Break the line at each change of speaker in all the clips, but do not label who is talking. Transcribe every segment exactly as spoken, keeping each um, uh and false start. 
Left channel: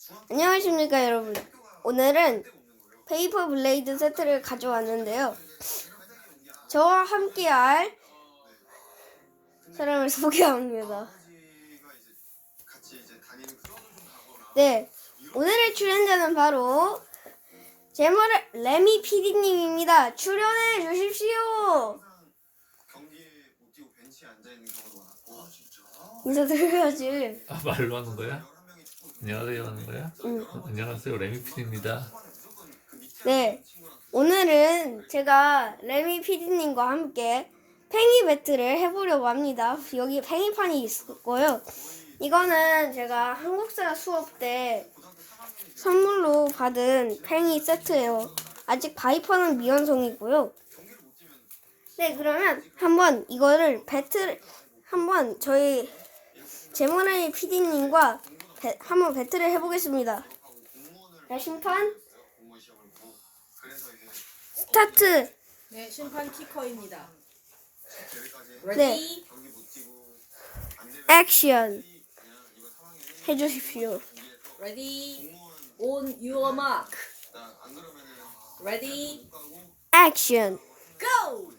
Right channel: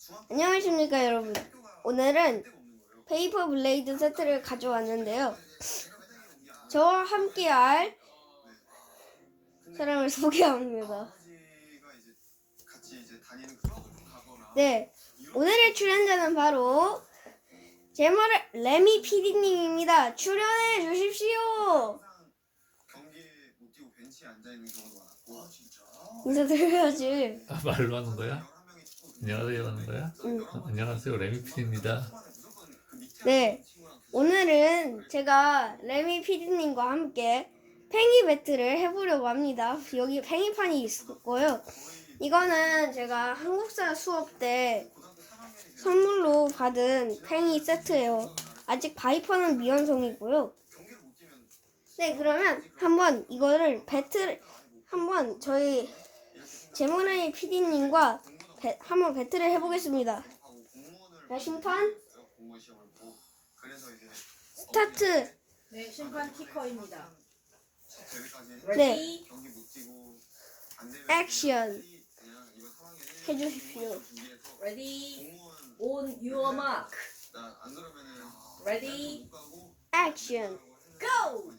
안녕하십니까 여러분. 오늘은 페이퍼 블레이드 세트를 가져왔는데요. 저와 함께할 사람을 소개합니다. 네, 오늘의 출연자는 바로 제머를 레미 피디님입니다. 출연해 주십시오. 인사드려야지.
아, 말로 하는 거야? 안녕하세요 하는 거야?
응.
어, 안녕하세요 레미피디입니다.
네, 오늘은 제가 레미 피디님과 함께 팽이 배틀을 해보려고 합니다. 여기 팽이판이 있고요. 이거는 제가 한국사 수업 때 선물로 받은 팽이 세트예요. 아직 바이퍼는 미완성이고요. 네, 그러면 한번 이거를 배틀 한번 저희 제모레이 피디님과 배, 한번 배틀을 해보겠습니다. 자, 심판 스타트.
네, 심판 키커입니다.
네,
레디,
액션 해주십시오.
레디, on your mark. 레디,
액션.
go.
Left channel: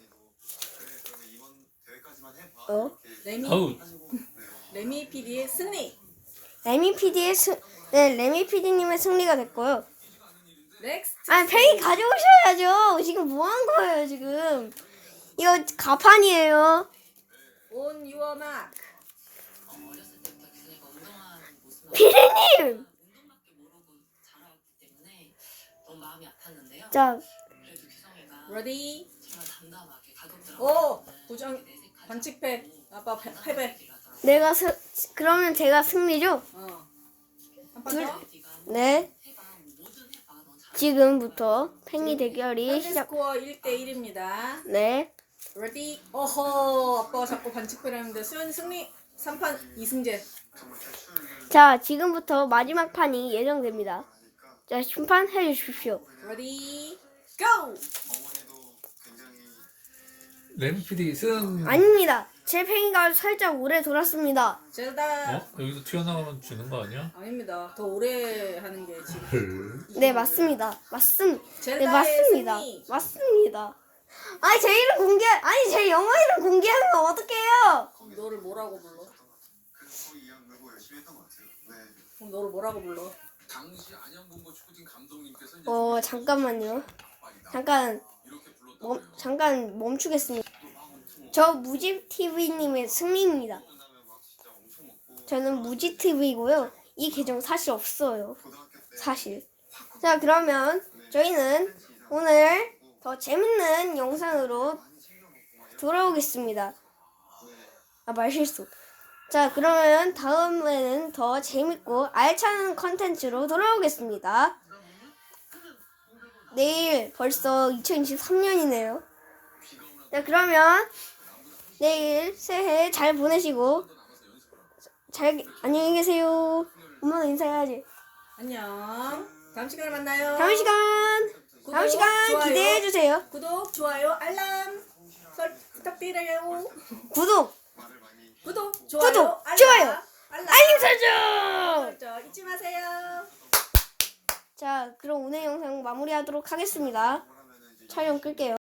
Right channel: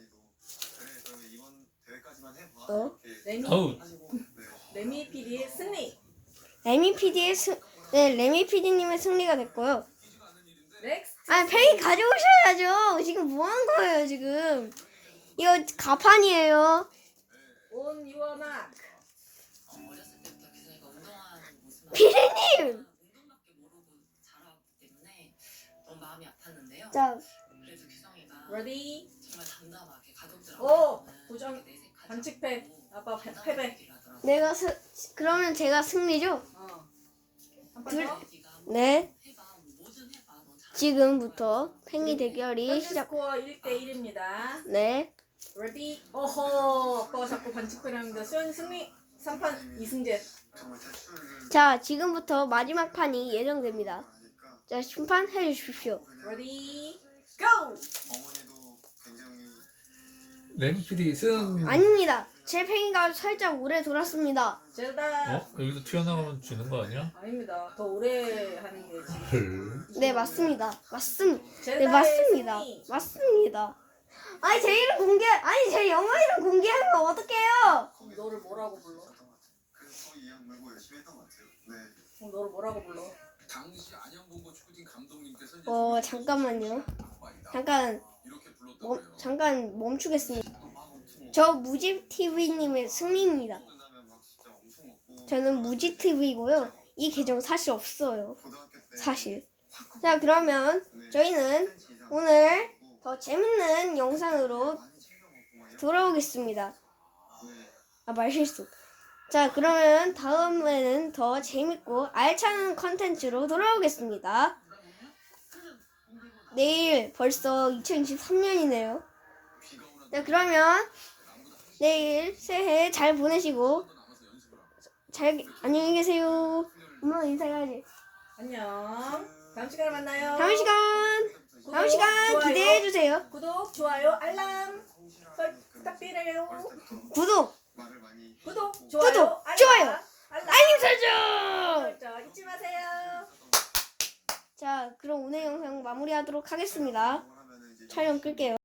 어?
레미,
어우,
레미 피디의 승리.
레미 피디의 스, 네, 레미 피디님의 승리가 됐고요.
넥스트.
아, 팽이 가져오셔야죠. 지금 뭐 한 거예요, 지금? 이거 가판이에요.
on your mark.
어렸을 때부터 규성이가 운동하는 모습을
피디님!
운동밖에 모르고 자라왔기 때문에 너무 마음이 아팠는데요.
자,
그래도 규성이가
레디,
정말 담담하게 가족들하고
오, 부정 반칙패. 아빠 패, 패배.
내가 스, 그러면 제가 승리죠?
어.
둘.
한판 더.
네,
해봐 뭐든 해봐 넌 잘할
지금부터 팽이 대결이
현재
시작.
스코어 일 대 일입니다.
네,
레디, 어허, 아빠가 자꾸 반칙패를 했는데 수현이 승리. 삼 판 이승재.
자, 지금부터 마지막 판이 예정됩니다. 자, 심판 해주십시오.
레디, go.
레미피디 승.
아닙니다. 제 팽이가 살짝 오래 돌았습니다.
젤다.
어? 여기서 튀어나가면 지는 거 아니야?
아닙니다. 더 오래 하는 게 지금.
헐.
네, 맞습니다. 맞습니다. 네,
젤다의
맞습니다.
승리.
맞습니다. 아니, 제 이름 공개, 아니, 제 영어 이름 공개하면 어떡해요?
그럼 너를 뭐라고 불러? 그럼 너를 뭐라고 불러?
당시 안양본고 축구팀 감독님께서 이제
어, 잠깐만요. 잠깐,
이렇게 불렀던
멈,
거예요.
잠깐 멈추겠습니다. 저 무지티비님의 승리입니다. 저는 무지티비고요. 이 계정 사실 없어요. 사실. 자, 그러면 저희는 오늘 더 재밌는 영상으로 돌아오겠습니다. 아, 말실수. 자, 그러면 다음에는 더 재밌고 알찬 컨텐츠로 돌아오겠습니다. 내일 벌써 이천이십삼 년이네요. 자, 그러면 내일 새해 잘 보내시고 잘 안녕히 계세요. 엄마 인사해야지.
안녕. 다음 시간에 만나요.
다음 시간 다음
구독,
시간
좋아요.
기대해 주세요.
구독, 좋아요, 알람 설 부탁드려요.
구독,
구독, 좋아요,
구독,
알람,
좋아요.
알람
알림 설정.
설정 잊지 마세요.
자, 그럼 오늘 영상 마무리하도록 하겠습니다. 촬영 끌게요.